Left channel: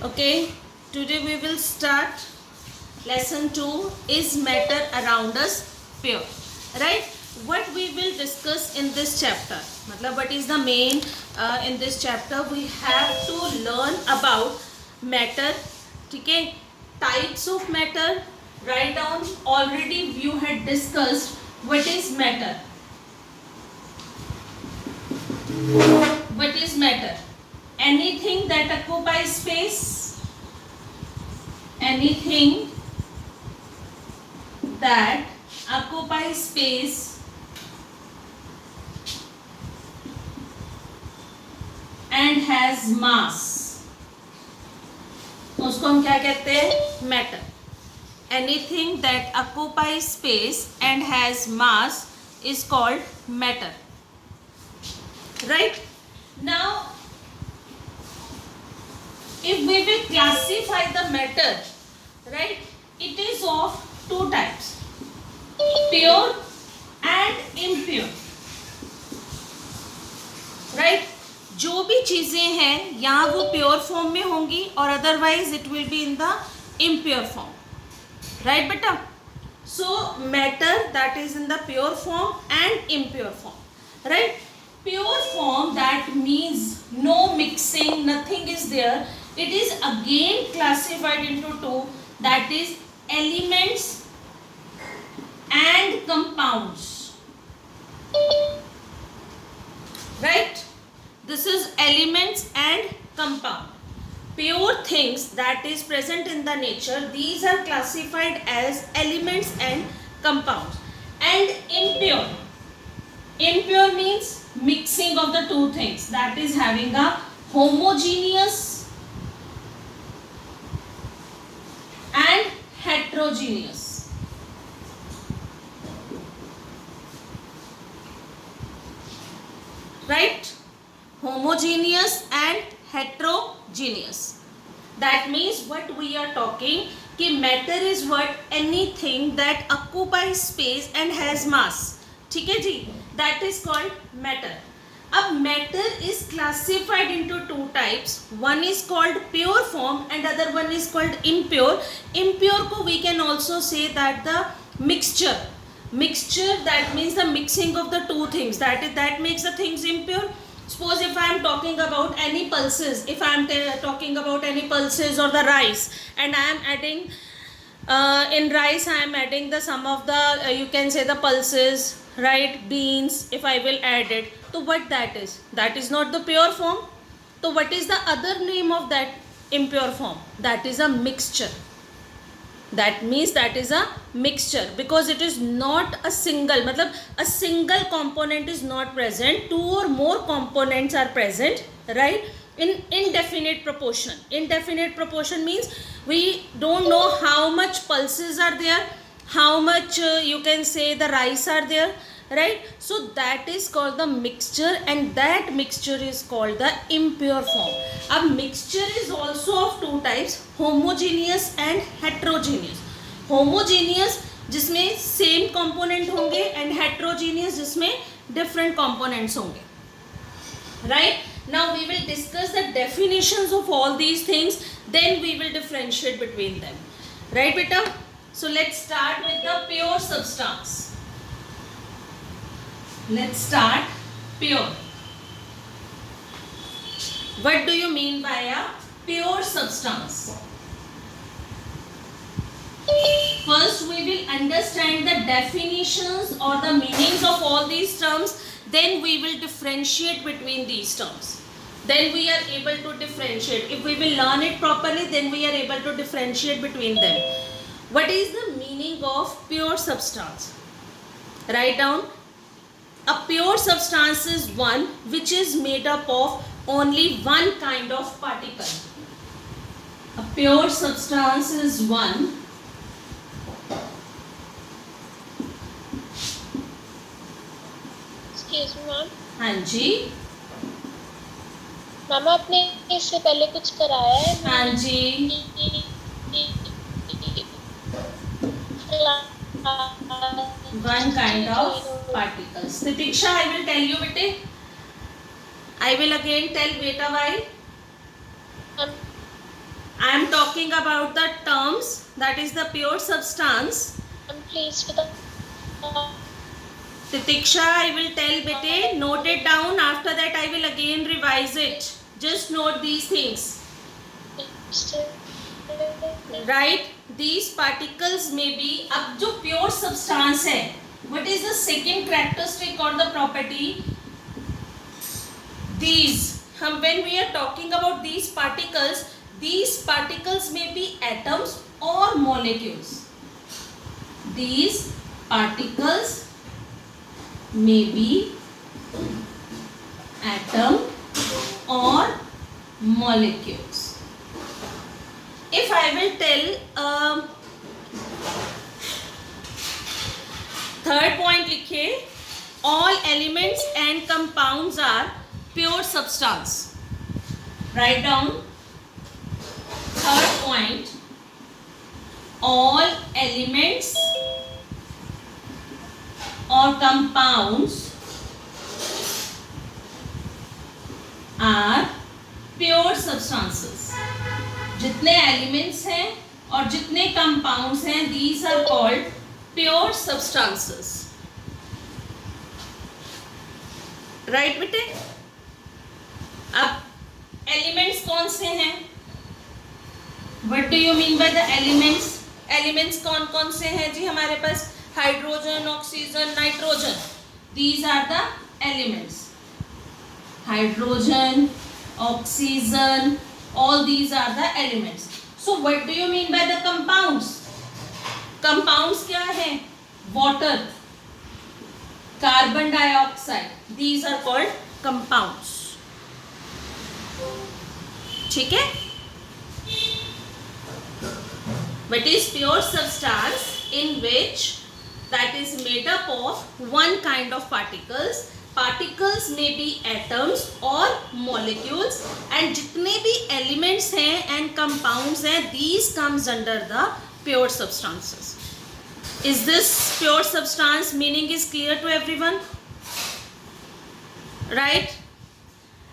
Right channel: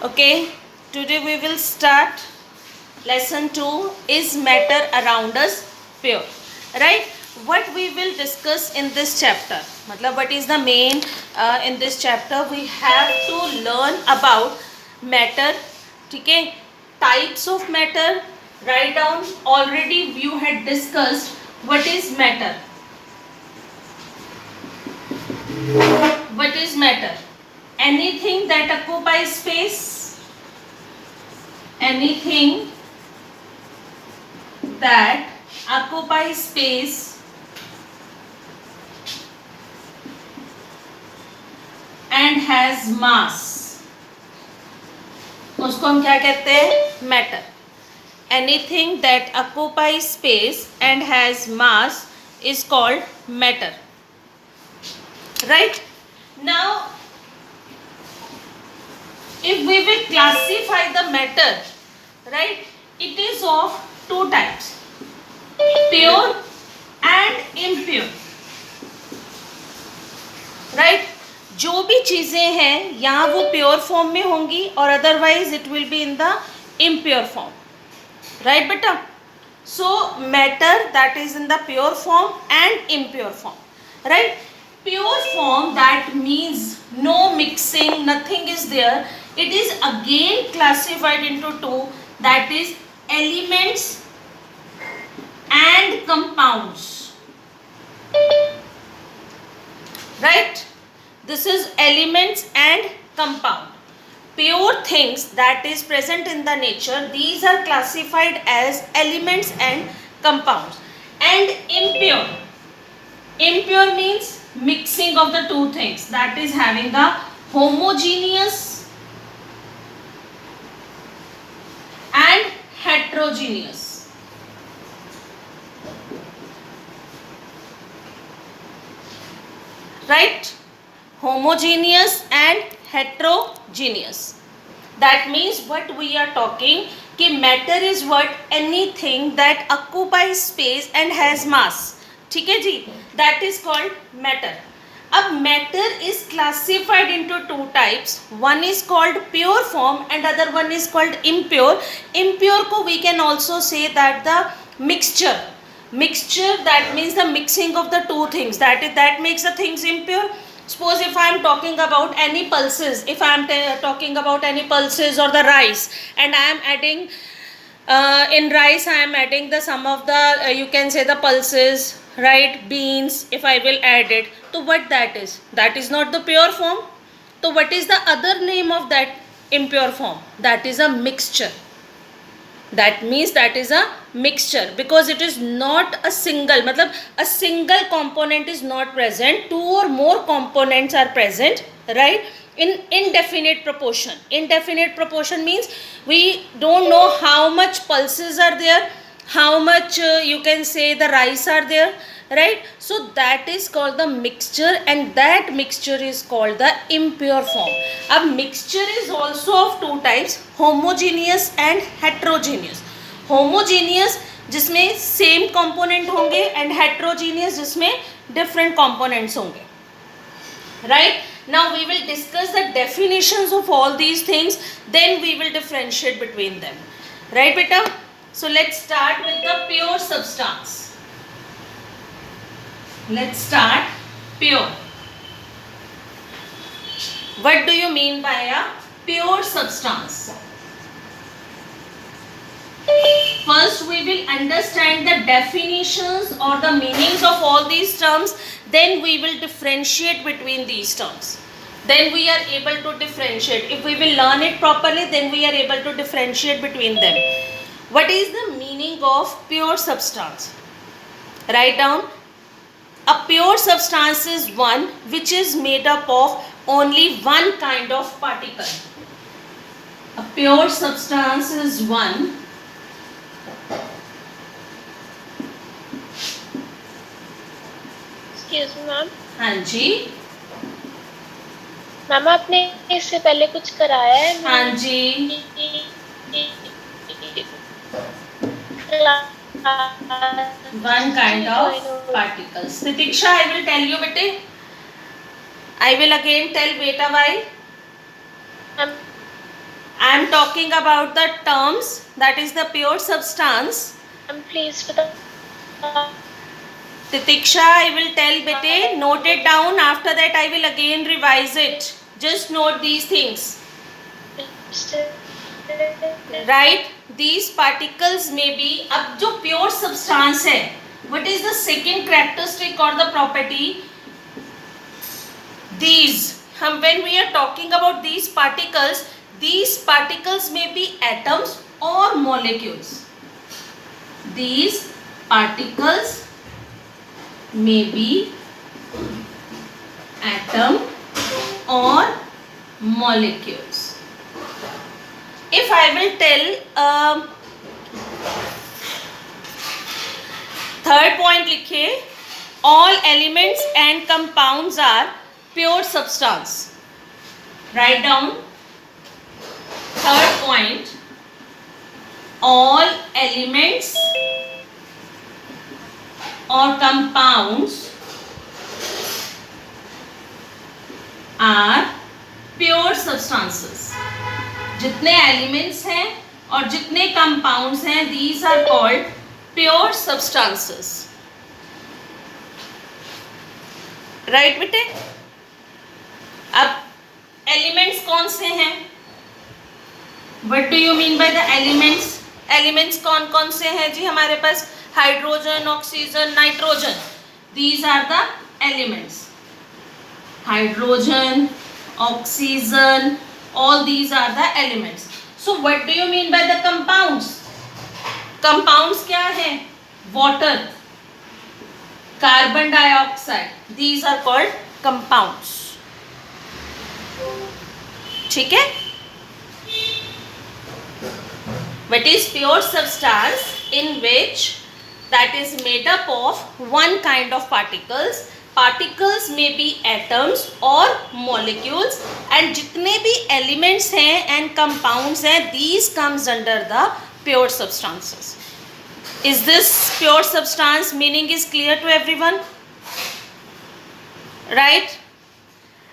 Okay, today we will start lesson 2 is matter around us pure, right? What we will discuss in this chapter, matlab what is the main in this chapter we have to learn about matter, okay? Types of matter, write down. Already you had discussed what is matter. What is matter? Anything that occupies space, anything that occupies space and has mass, उसको हम क्या कहते हैं? Matter. Anything that occupies space and has mass is called matter, right? Now if we will classify the matter, right, it is of two types, pure and impure, right? जो भी चीजें हैं यहाँ वो प्योर फॉर्म में होंगी और otherwise it will be in the impure form, right बेटा? So matter that is in the pure form and impure form, right? Pure form, that means no mixing, nothing is there. It is again classified into two, that is elements and compounds, right? This is elements and compound. Pure things that is present in the nature, these are classified as elements and compounds. And impure means mixing of the two things, that is having a homogeneous and heterogeneous, right? Homogeneous and heterogeneous, that means what we are talking कि matter is what? Anything that occupies space and has mass, ठीक है जी? That is called matter. अब matter is classified into two types. One is called pure form and other one is called impure. Impure को we can also say that the mixture. Mixture, that means the mixing of the two things. That makes the things impure. Suppose if I am talking about any pulses, if I am talking about any pulses or the rice, and I am adding in rice I am adding the some of the you can say the pulses, right? Beans, if I will add it, so what that is? That is not the pure form. So what is the other name of that impure form? That is a mixture. That means that is a mixture because it is not a single, matlab a single component is not present, two or more components are present, right, in indefinite proportion. Indefinite proportion means we don't know how much pulses are there, how much you can say the rice are there, right? So that is called the mixture and that mixture is called the impure form. A mixture is also of two types, homogeneous and heterogeneous. Homogeneous जिसमें same component होंगे and heterogeneous जिसमें different components होंगे, right? Now we will discuss the definitions of all these things, then we will differentiate between them, right beta? So let's start with the pure substance. Let's start pure. What do you mean by a pure substance? First we will understand the definitions or the meanings of all these terms, then we will differentiate between these terms. Then we are able to differentiate. If we will learn it properly, then we are able to differentiate between them. What is the meaning of pure substance? Write down. A pure substance is one which is made up of only one kind of particle. A pure substance is one excuse me ma'am. हाँ जी. Ma'am आपने इससे पहले कुछ कराया है? हाँ जी. One kind of particles. Titiksha, I will tell you bete. I will again tell, wait a while. I am talking about the terms, that is the pure substance. Please for the Titiksha, I will tell bete, note it down. After that I will again revise it. Just note these things. Right? These particles may be, अब जो pure substance है, what is the second characteristic or the property? These, हम when we are talking about these particles may be atoms or molecules. These particles may be atom or molecules. If I will tell third point लिखे, all elements and compounds are pure substance. Write down third point, all elements or compounds are pure substances. जितने elements हैं और जितने compounds हैं, these are called pure substances. Right बेटे? अब elements कौन से हैं? What do you mean by the elements? Elements कौन कौन से हैं जी हमारे पास? Hydrogen, oxygen, nitrogen. These are the elements. Hydrogen, oxygen, all these are the elements. So what do you mean by the compounds? Compounds क्या है? Water, carbon dioxide, these are called compounds. ठीक है? What is pure substance in which that is made up of one kind of particles. Particles may be atoms or molecules, and जितने भी elements हैं and compounds हैं, these comes under the pure substances. Is this pure substance meaning is clear to everyone? Right?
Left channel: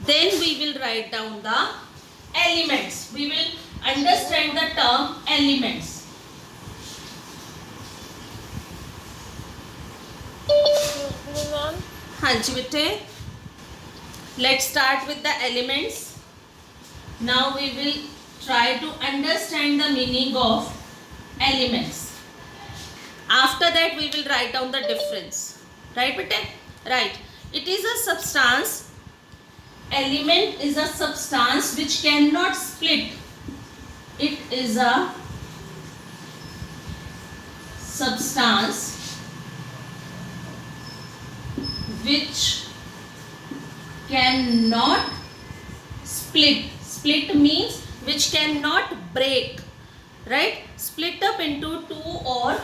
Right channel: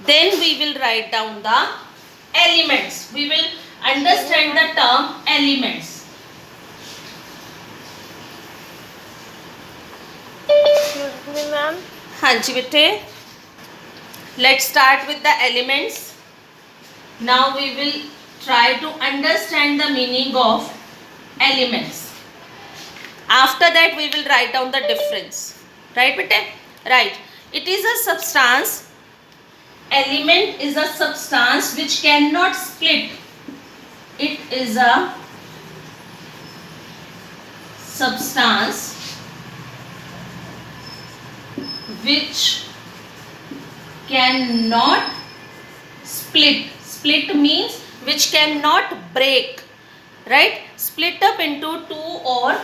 Then we will write down the elements. We will understand the term elements. excuse me ma'am. हाँ जी बेटे, let's start with the elements. Now we will try to understand the meaning of elements. After that we will write down the difference. Right bete? Right. It is a substance. Element is a substance which cannot split. It is a substance which cannot split. Split means which cannot break. Right? Split up into two or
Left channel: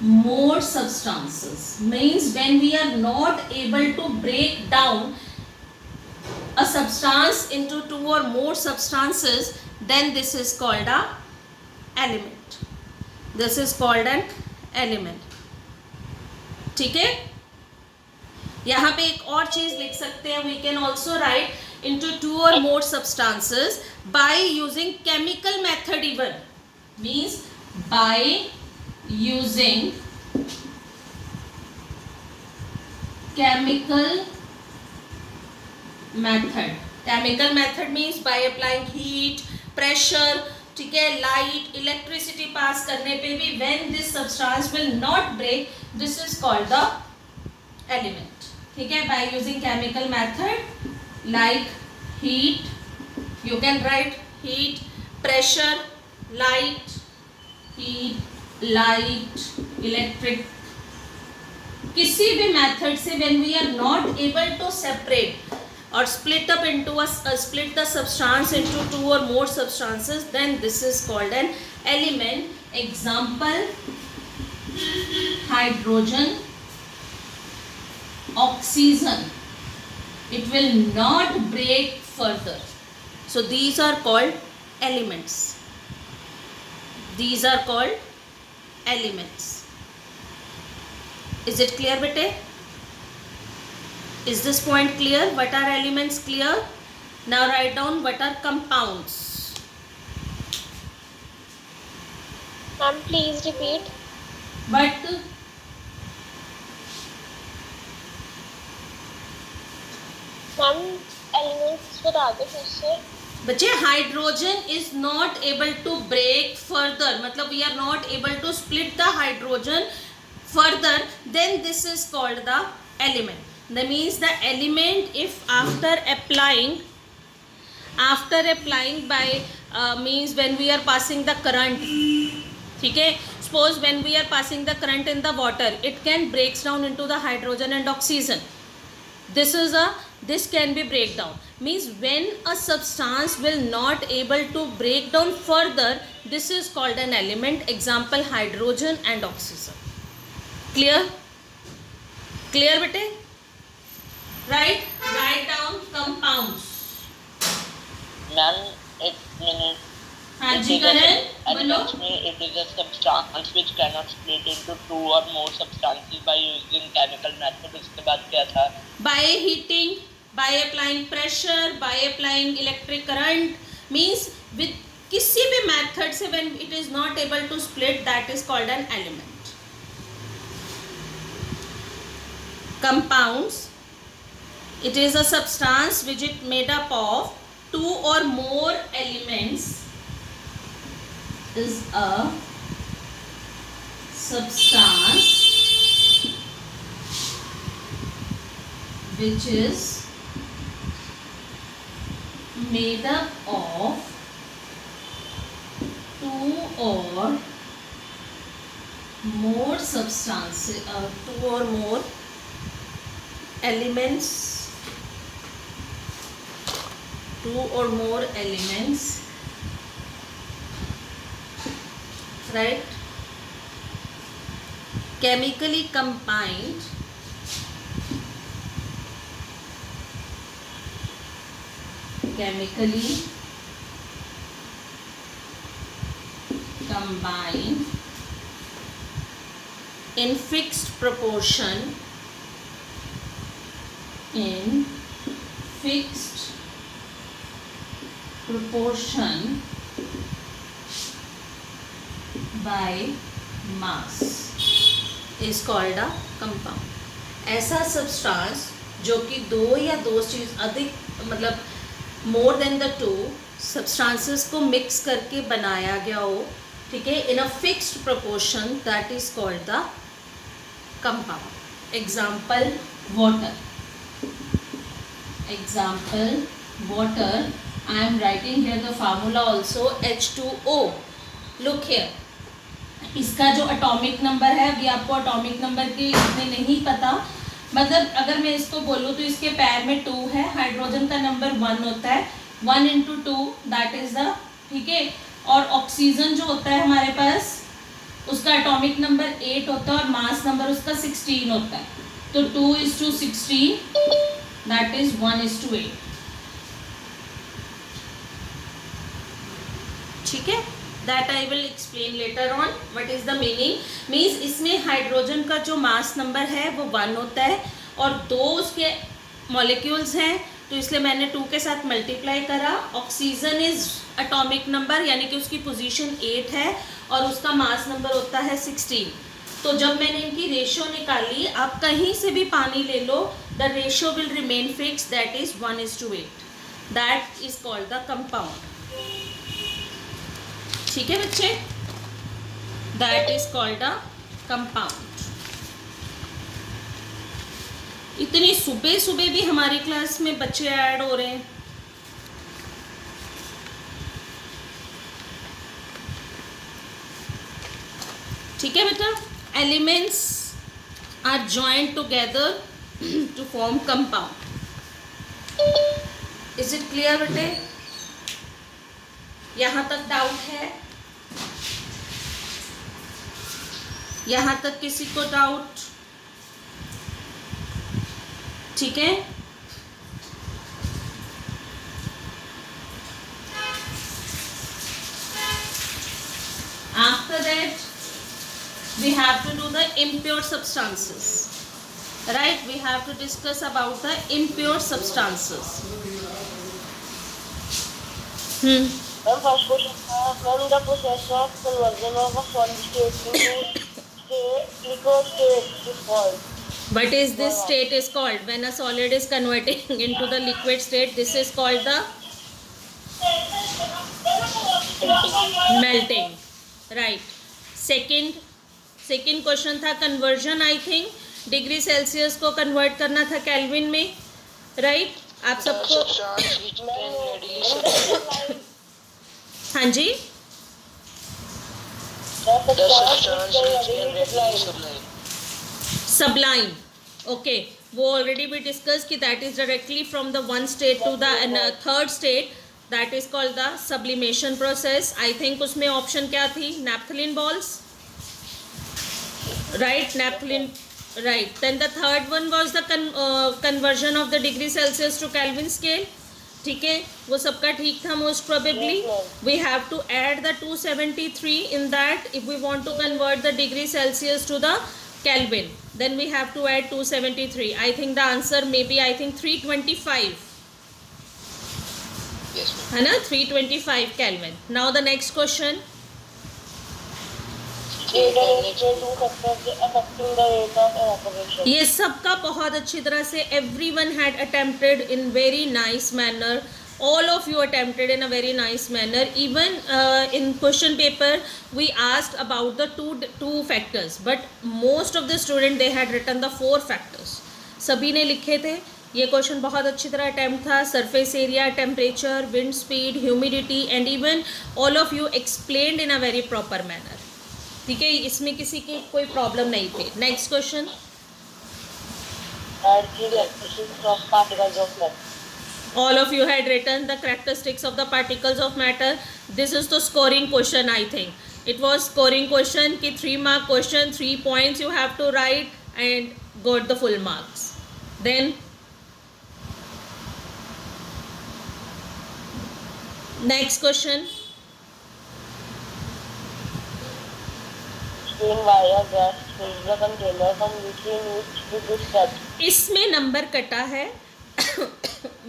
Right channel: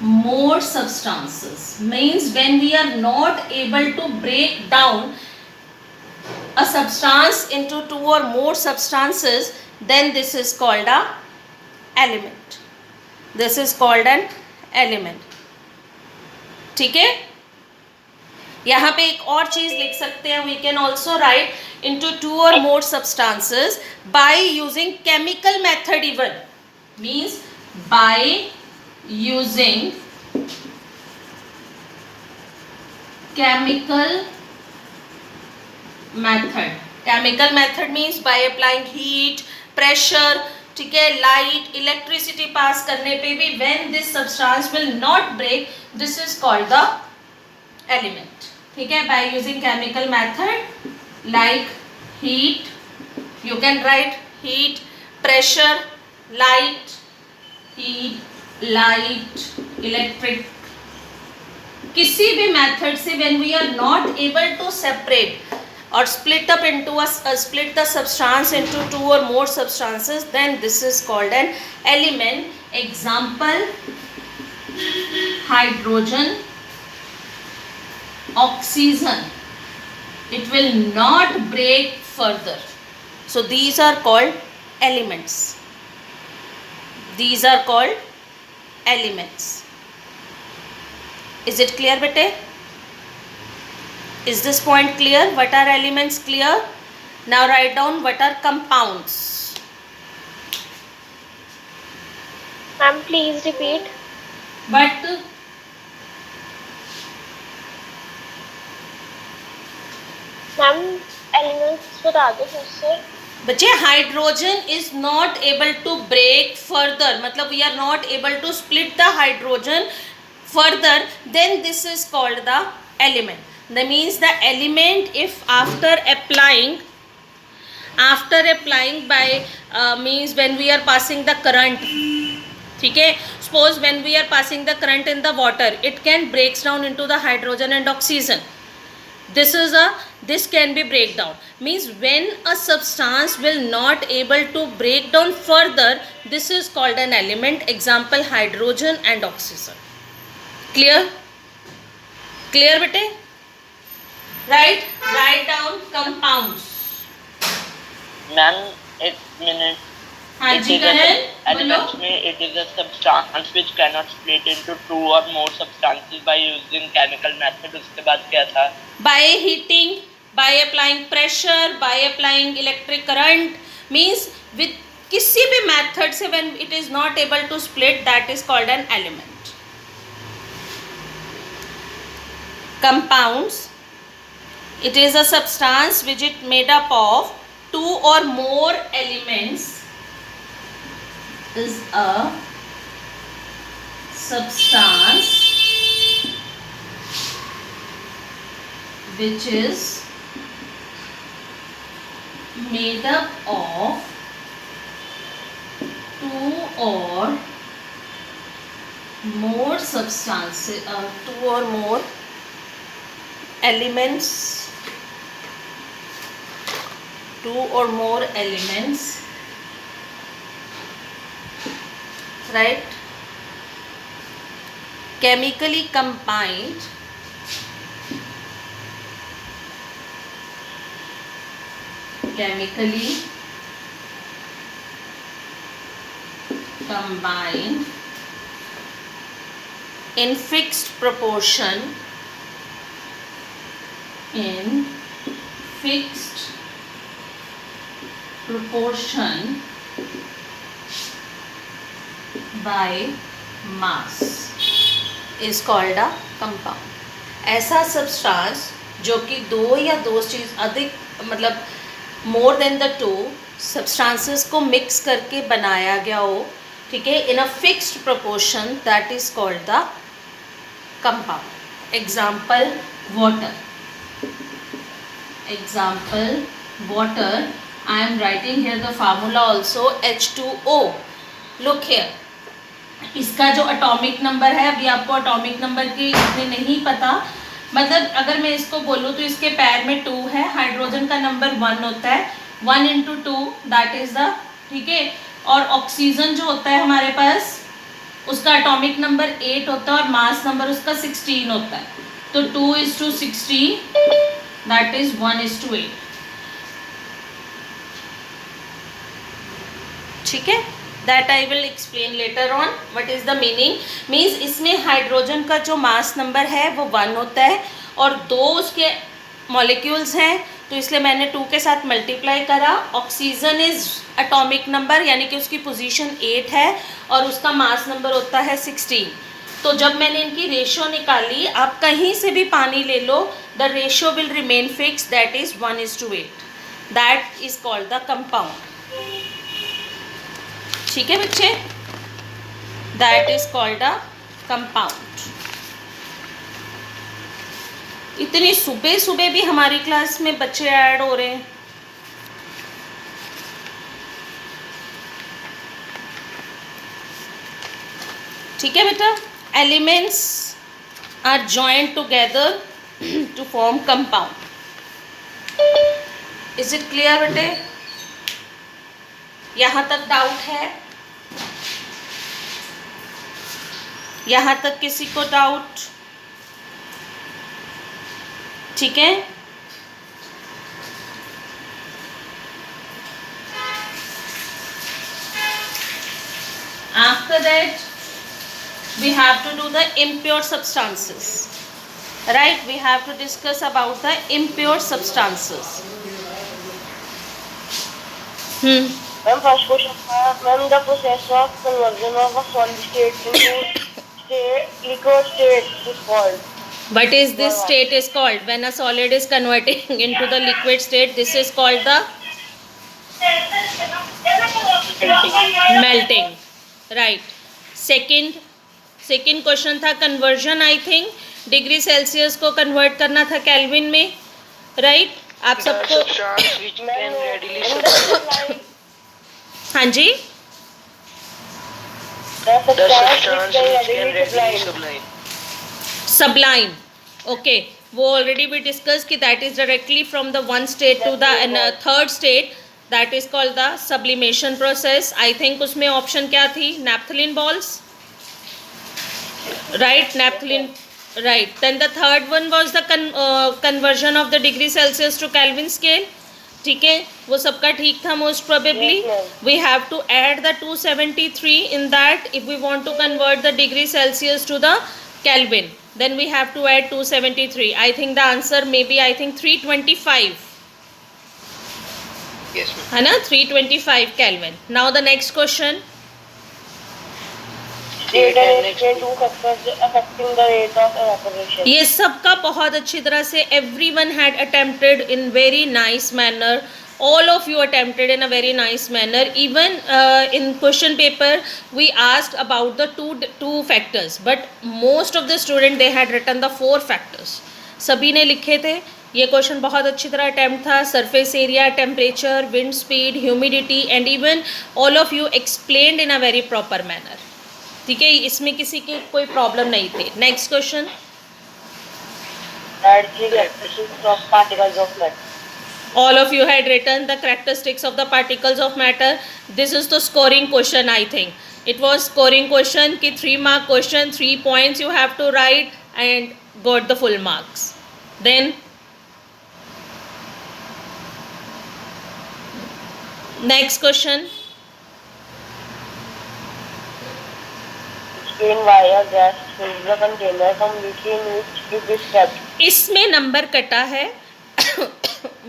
more substances. Means when we are not able to break down a substance into two or more substances, then this is called a element. This is called an element. ठीक है? यहाँ पे एक और चीज लिख सकते हैं. We can also write into two or more substances by using chemical method even. Means by using chemical method. Chemical method means by applying heat, pressure, ठीक है, light, electricity pass करने पे भी when this substance will not break, this is called the element. ठीक है, by using chemical method like heat, you can write heat, pressure, light, heat, light, electric. किसी भी method से when we are not able to separate or split up into split the substance into two or more substances, then this is called an element. Example: hydrogen, oxygen. It will not break further. So these are called elements. These are called elements. Is it clear, bete? Is this point clear? What are elements? Clear? Now write down what are compounds. Ma'am, please repeat. But Ma'am, elements बता दो फिर से. बच्चे hydrogen is not able to break further, मतलब we are not able to split the hydrogen further, then this is called the element. That means the element if after applying by means when we are passing the current, ठीक है, suppose when we are passing the current in the water, it can breaks down into the hydrogen and oxygen. This can be breakdown, means when a substance will not able to break down further, this is called an element. Example, hydrogen and oxygen. Clear bete? Write down compounds. Ma'am एक minute. हाँ जी करण, Elements में it is a substance which cannot split into two or more substances by using chemical method. उसके बाद क्या था? By heating, by applying pressure, by applying electric current, means with किसी भी method से when it is not able to split, that is called an element. Compounds, it is a substance which is made up of two or more elements, is a substance which is made up of two or more substances, two or more elements, right, chemically combined in fixed proportion by mass is called a compound. ऐसा substance जो कि दो या दो चीज़ अधिक, मतलब more than the two substances को मिक्स करके बनाया गया हो, ठीक है, in a fixed proportion, that is called the compound. Example water. I am writing here the formula also, H2O. Look here. इसका जो एटॉमिक नंबर है, अभी आपको एटॉमिक नंबर की इतने नहीं पता, मतलब अगर मैं इसको बोलूँ तो इसके पैर में 2 है, हाइड्रोजन का नंबर 1 होता है, 1 into 2 दैट इज द, ठीक है, और ऑक्सीजन जो होता है हमारे पास उसका एटॉमिक नंबर 8 होता है और मास नंबर उसका 16 होता है, तो 2:16 दैट इज 1:8. ठीक है, that I will explain later on what is the meaning. Means इसमें हाइड्रोजन का जो मास नंबर है वो 1 होता है और 2 उसके मॉलिक्यूल्स हैं, तो इसलिए मैंने 2 के साथ मल्टीप्लाई करा. ऑक्सीजन इज एटॉमिक नंबर, यानी कि उसकी पोजीशन 8 है और उसका मास नंबर होता है 16. तो जब मैंने इनकी रेशो निकाली, आप कहीं से भी पानी ले लो, the ratio will remain fix, that is 1:8. That is called the compound. ठीक है बच्चे, that is called a compound. इतनी सुबह सुबह भी हमारी क्लास में बच्चे ऐड हो रहे हैं. ठीक है बेटा, elements are joined together to form compound. Is it clear बेटे? यहाँ तक डाउट है? यहाँ तक किसी को डाउट? ठीक है, after that we have to do the impure substances. right? We have to discuss about the impure substances. Ma'am, first question was, ma'am, the process of conversion of a solid state into liquid state is called. What is this state is called? When a solid is converting into the liquid state, this is called the melting, right? Second question था conversion. I think degree Celsius को convert करना था kelvin में, right? आप सबको हाँ जी, sublime. Okay, वो already we discussed कि that is directly from the one state to the third state, that is called the sublimation process. I think उसमें option क्या थी? Naphthalene balls, right? Naphthalene, right? Then the third one was the conversion of the degree Celsius to Kelvin scale. ठीक है, वो सबका ठीक था most probably. We have to add the 273 in that if we want to convert the degree Celsius to the Kelvin. Then we have to add 273. I think the answer may be, I think 325. Yes, ma'am. है ना, 325 Kelvin. Now the next question. Affecting the rate of evaporation. ये सबका बहुत अच्छी तरह से everyone had attempted in very nice manner. All of you attempted in a very nice manner. Even in question paper we asked about the two factors, but most of the student they had written the 4 factors. सभी ने लिखे थे. ये question बहुत अच्छी तरह attempt था. Surface area, temperature, wind speed, humidity and even all of you explained in a very proper manner. ठीक है, इसमें किसी की कोई प्रॉब्लम नहीं थी. Next question. All of you had written the characteristics of the particles of matter. This is the scoring question. I think it was scoring question कि 3 mark question, 3 points you have to write and got the full marks. Then next question. Why a gas fills the container from which it is kept. इसमें number कटा है.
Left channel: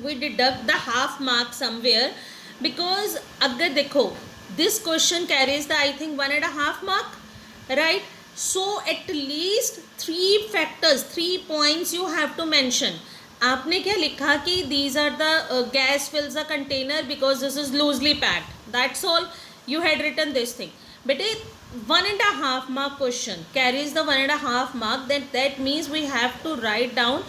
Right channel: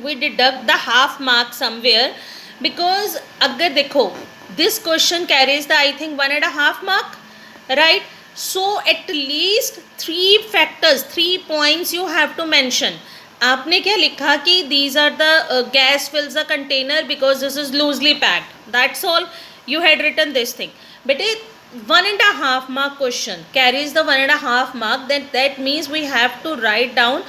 We deduct the half mark somewhere because अगर देखो this question carries the I think 1.5 mark, right? So at least 3 factors, 3 points you have to mention. आपने क्या लिखा कि these are the gas fills the container because this is loosely packed. That's all you had written this thing. But 1.5 mark question carries the 1.5 mark. Then that means we have to write down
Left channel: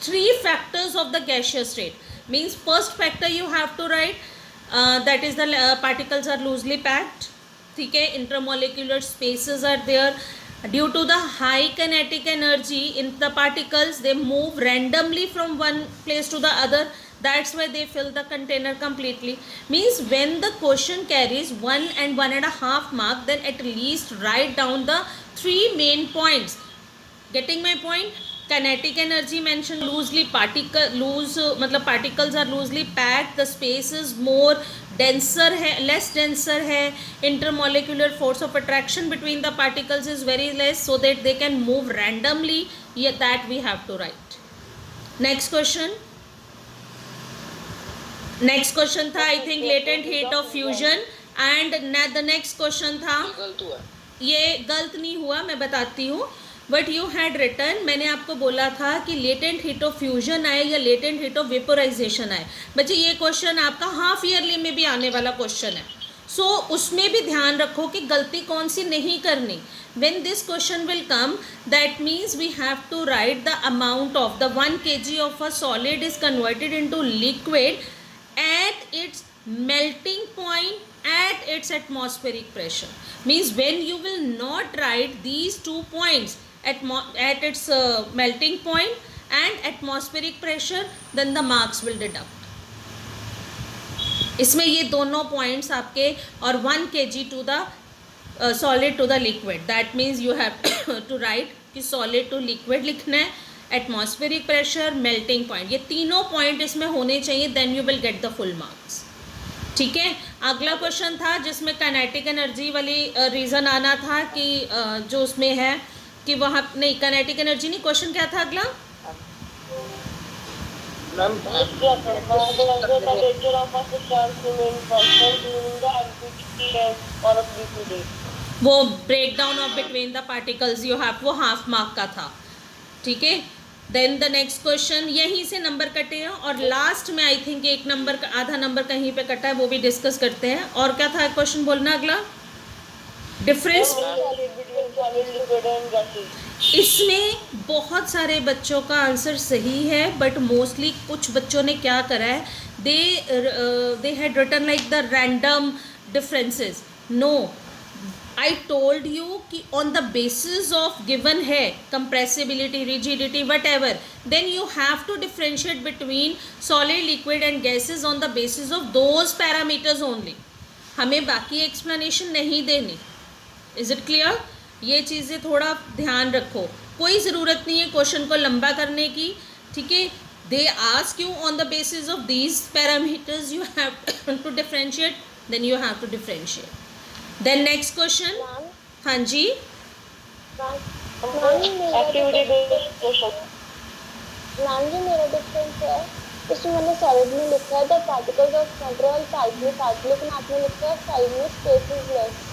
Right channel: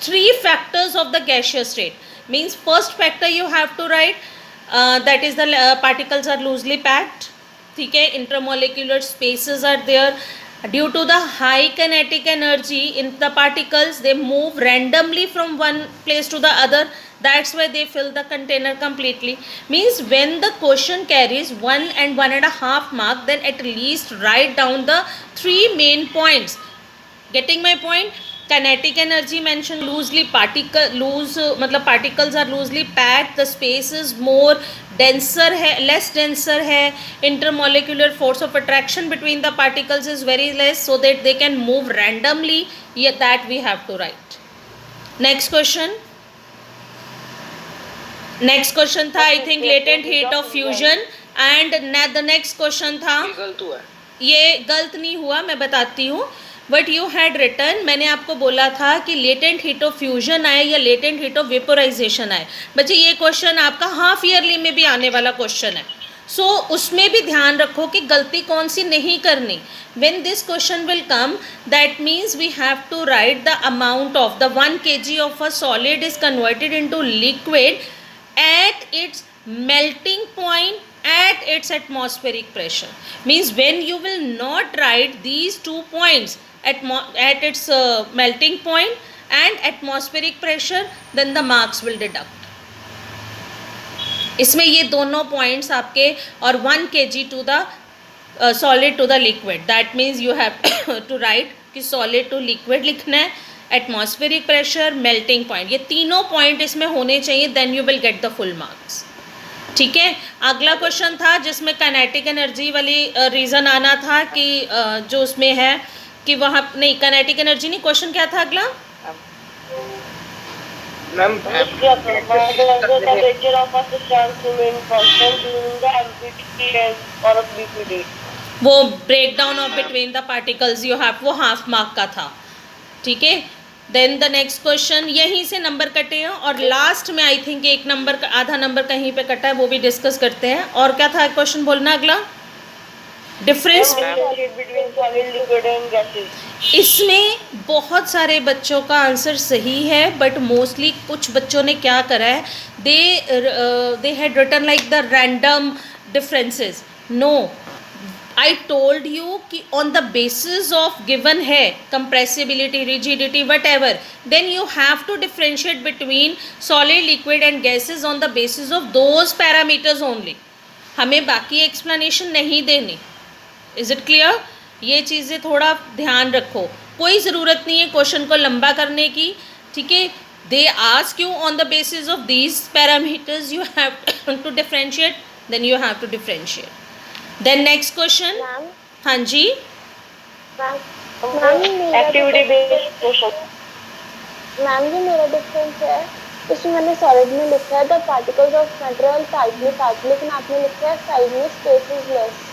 3 factors of the gaseous state. Means first factor you have to write that is the particles are loosely packed. ठीक है, intermolecular spaces are there. Due to the high kinetic energy in the particles, they move randomly from one place to the other. That's why they fill the container completely. Means when the question carries 1 and 1.5 mark, then at least write down the 3 main points. Getting my point? Kinetic energy mentioned loosely, मतलब particles are loosely packed, the space is more denser है, less denser है, intermolecular force of attraction between the particles is very less so that they can move randomly. Yeah, that we have to write. Next question. Next question था I think latent heat of fusion and the next question था, ये गलत नहीं हुआ, मैं बताती हूँ. But you had return, मैंने आपको बोला था कि लेटेंट हीट ऑफ फ्यूजन आए या लेटेंट हीट ऑफ वेपोराइजेशन आए. बच्चे ये क्वेश्चन आपका हाफ ईयरली में भी आने वाला क्वेश्चन है. सो उसमें भी ध्यान रखो कि गलती कौन सी नहीं करनी. When this question will come, that means we have to write the amount of the 1 kg of a solid is converted into liquid at its melting point at its atmospheric pressure. Means when you will not write these 2 points at its melting point and atmospheric pressure, then the marks will deduct. इसमें ये दोनों points आपके और 1 kg to the solid to the liquid. That means you have to write कि solid to liquid लिखना है, atmospheric pressure, melting point, ये तीनों पॉइंट इसमें होने चाहिए. Then you will get the full marks. ठीक है, अगला क्वेश्चन था जिसमें काइनेटिक एनर्जी वाली रीज़न आना था कि जो उसमें है कि वहाँ नहीं, काइनेटिक एनर्जी नहीं, क्वेश्चन क्या था अगला? Ma'am the temperature of a substance remain constant during the empty and or BPD. वो break down of between the particles you have, वो हाफ मार्क का था, ठीक है। देन द नेक्स्ट क्वेश्चन, यहीं से नंबर कटे हैं और लास्ट में आई थिंक एक नंबर का आधा नंबर कहीं पे कटा है, वो भी डिस्कस करते हैं। और क्या था क्वेश्चन बोलना अगला? Difference. Between solid, liquid and gases. इसमें बहुत सारे बच्चों का आंसर सही है, बट मोस्टली कुछ बच्चों ने क्या करा है, they had written like the random differences. No, I told you कि on the basis of given है compressibility, rigidity, whatever, then you have to differentiate between solid, liquid and gases on the basis of those parameters only. हमें बाकी explanation नहीं देनी। Is it clear? ये चीज़ें थोड़ा ध्यान रखो, कोई ज़रूरत नहीं है क्वेश्चन को लंबा करने की, ठीक है। They ask you on the basis of these parameters you have to differentiate, then you have to differentiate. Then next question. हाँ जी, Activity based question. मैम जी मेरा डिफरेंस है, इसमें मैंने सॉलिड में लिखा है the particles of matter are tightly packed, लेकिन आपने लिखा है साइड में स्पेस इज लेस।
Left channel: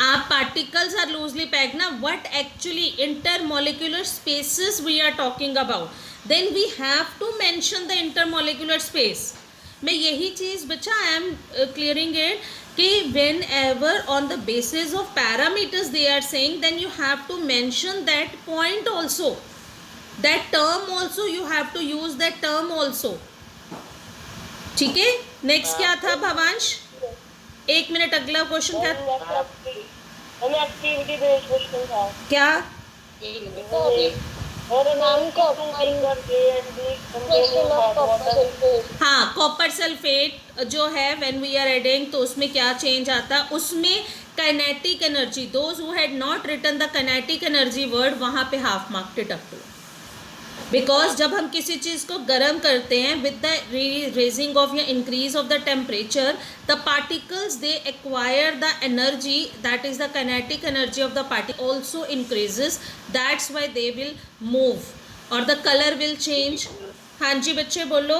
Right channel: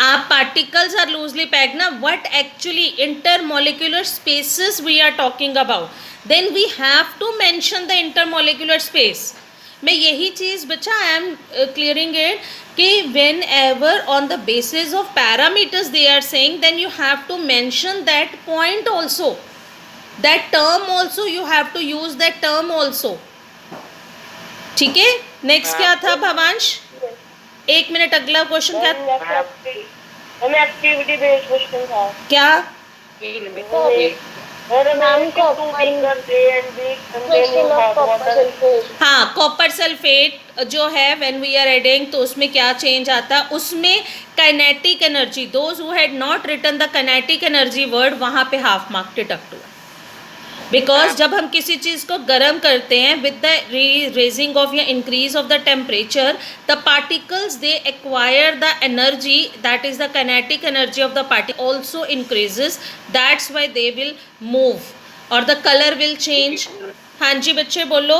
आप पार्टिकल्स आर लूजली पैक्ड ना, what actually intermolecular spaces we are talking about, then we have to mention the intermolecular space. मैं यही चीज़ बच्चा आई एम क्लियरिंग इट कि whenever on the basis of parameters they are saying, then you have to mention that point also, that term also, you have to use that term also, ठीक है। Next क्या था भवांश? एक minute, अगला question क्या? हमें activity based question था क्या? मैम हाँ, कॉपर सल्फेट जो है व्हेन वी आर एडिंग, तो उसमें क्या चेंज आता है, उसमें kinetic energy, those who had not written the kinetic energy word, वहाँ पे हाफ मार्क डिडक्ट हुआ, बिकॉज जब हम किसी चीज़ को गर्म करते हैं विद द रेजिंग ऑफ या increase of the temperature, the particles they acquire the energy, that is the kinetic energy of the particle also increases, that's why they will move और द कलर विल चेंज। हाँ जी बच्चे बोलो।